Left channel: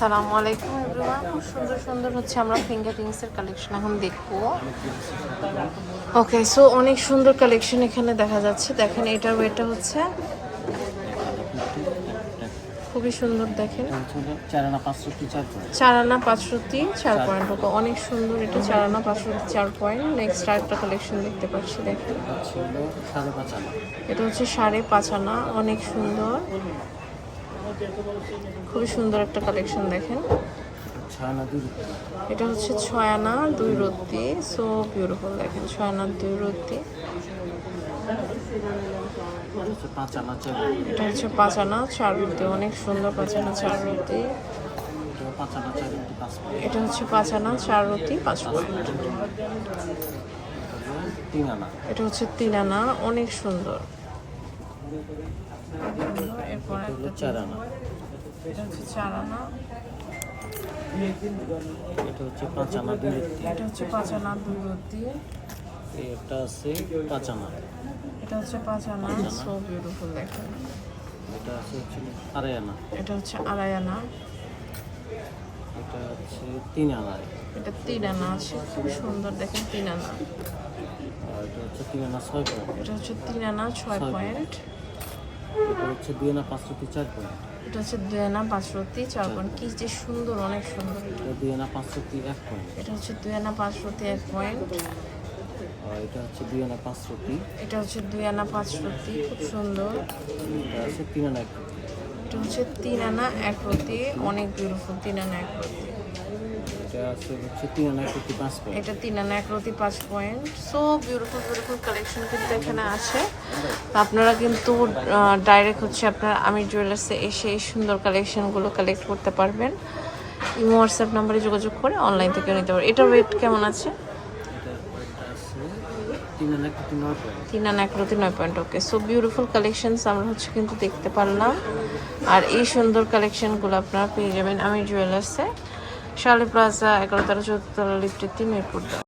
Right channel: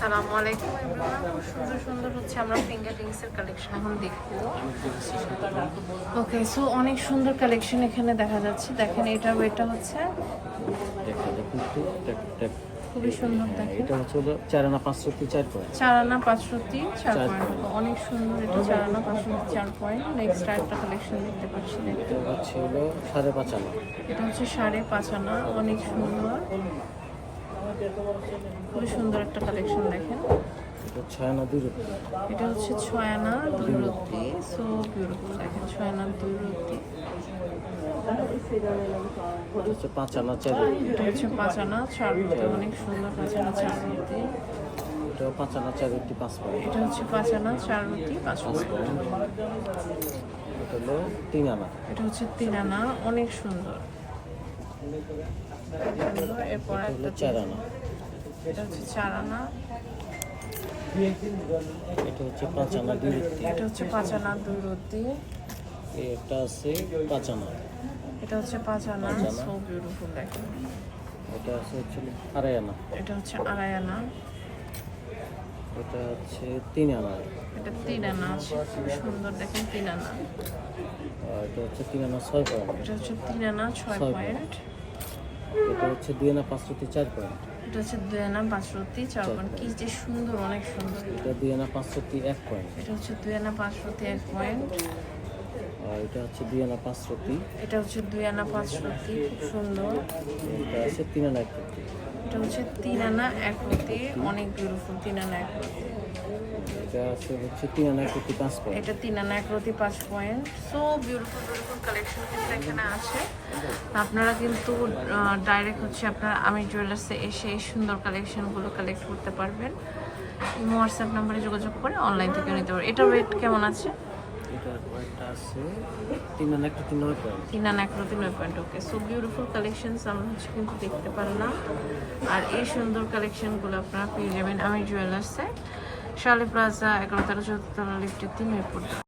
আসসালামু আলাইকুম এভরিওয়ান। খুব সুন্দর সুন্দর হচ্ছে আমরা ফিঙ্গার রিংসের কালেকশন এখন দেখব। ওকে সো অনেক সুন্দর কালেকশন এখানে দেখা যাচ্ছে। দেখেন এটার ওয়েটটা হচ্ছে খুবই সুন্দর দেখেন। এটা হচ্ছে হলো চার আনা পাঁচশো চার পয়েন্ট। চার আনা পাঁচশোটি চার পয়েন্ট। হবে অনেক সুন্দর এটা চার আনা পাঁচশোটি চার পয়েন্ট। নেক্সট আরেকটা কালেকশন দেখতে পাচ্ছি দেখতে হলো সাড়ে পাঁচ আনা। এটা হচ্ছে সাড়ে পাঁচ আনা অনেক সুন্দর। খুবই সুন্দর একটা কালেকশন দেখেন এটা হচ্ছে ছয় আনা দুই রত্তি সো বিউটিফুল দেখেন ছয় আনা দুই রত্তি। এটা হচ্ছে পাঁচ আনা চার রুটি অনেক সুন্দর পাঁচ আনা চার রুটি এটা পাঁচ এটা হচ্ছে পাঁচ আনা চার রুটি পাঁচ এটা হচ্ছে তিন আনা অনেক সুন্দর। এরপর এটা চার আনা এটা হচ্ছে চার আনা এটা হচ্ছে পাঁচ আনা দুই এটা হচ্ছে পাঁচ আনা দুই রুটি এটা আছে পাঁচ এটা হচ্ছে পাঁচ আনা সো বিউটিফুল এটা আছে হচ্ছে হলো এটা হচ্ছে আড়াই এটা হচ্ছে তিন আনা এটা তিন আনা আছে। খুব সুন্দর দেখেন তিন আনা আর এটা হচ্ছে তিন আনা ছয় পয়েন্ট। এটা হচ্ছে তিন আনা ছয় পয়েন্ট। এটা হচ্ছে দুই আনা পাঁচ রুপি চার পয়েন্ট। এটা হচ্ছে দুই আনা পাঁচ রতি চার পয়েন্ট। কি যে সুন্দর অনেক সুন্দর। এটা দুই আনা পাঁচ রুপি এক পয়েন্ট। এটা হচ্ছে দুই আনা পাঁচ রতি এক পয়েন্ট। আর এটা হচ্ছে দুই আনা পাঁচ রুপি এটা হচ্ছে দুই আনা পাঁচ রতি খুব সুন্দর। এটা আছে তিন আনা এক হচ্ছে তিন আনা এক রতি অনেক বিউটিফুল তিন আনা এক রতি এটা আছে হচ্ছে তিন আনা এক রুপি পাঁচ পয়েন্ট এটা তিন আনা এক রতি পাঁচ point so beautiful beautiful collection কিন্তু এখানে আছে। আপনারা কিন্তু ডাইরেক্ট হচ্ছে আপনার আমি জুয়েলার্সে এসে এই সুন্দর কালেকশনগুলো কালেক্ট করতে পারবেন। ইমো হোয়াটসঅ্যাপ নাম্বারে যোগাযোগ করে অনলাইন থেকে নিতে পারবেন। এটা ওয়েট কেমন আছে? নয় পয়েন্ট ওকে সো বিউটিফুল আমরা হচ্ছে কিন্তু দেখতে পারলাম। আর এই সুন্দর পেয়ে যাবেন। আমি জুয়েলার্সে শালি প্লাজা এগারো তেরো, চৌদ্দ লিফটের তিন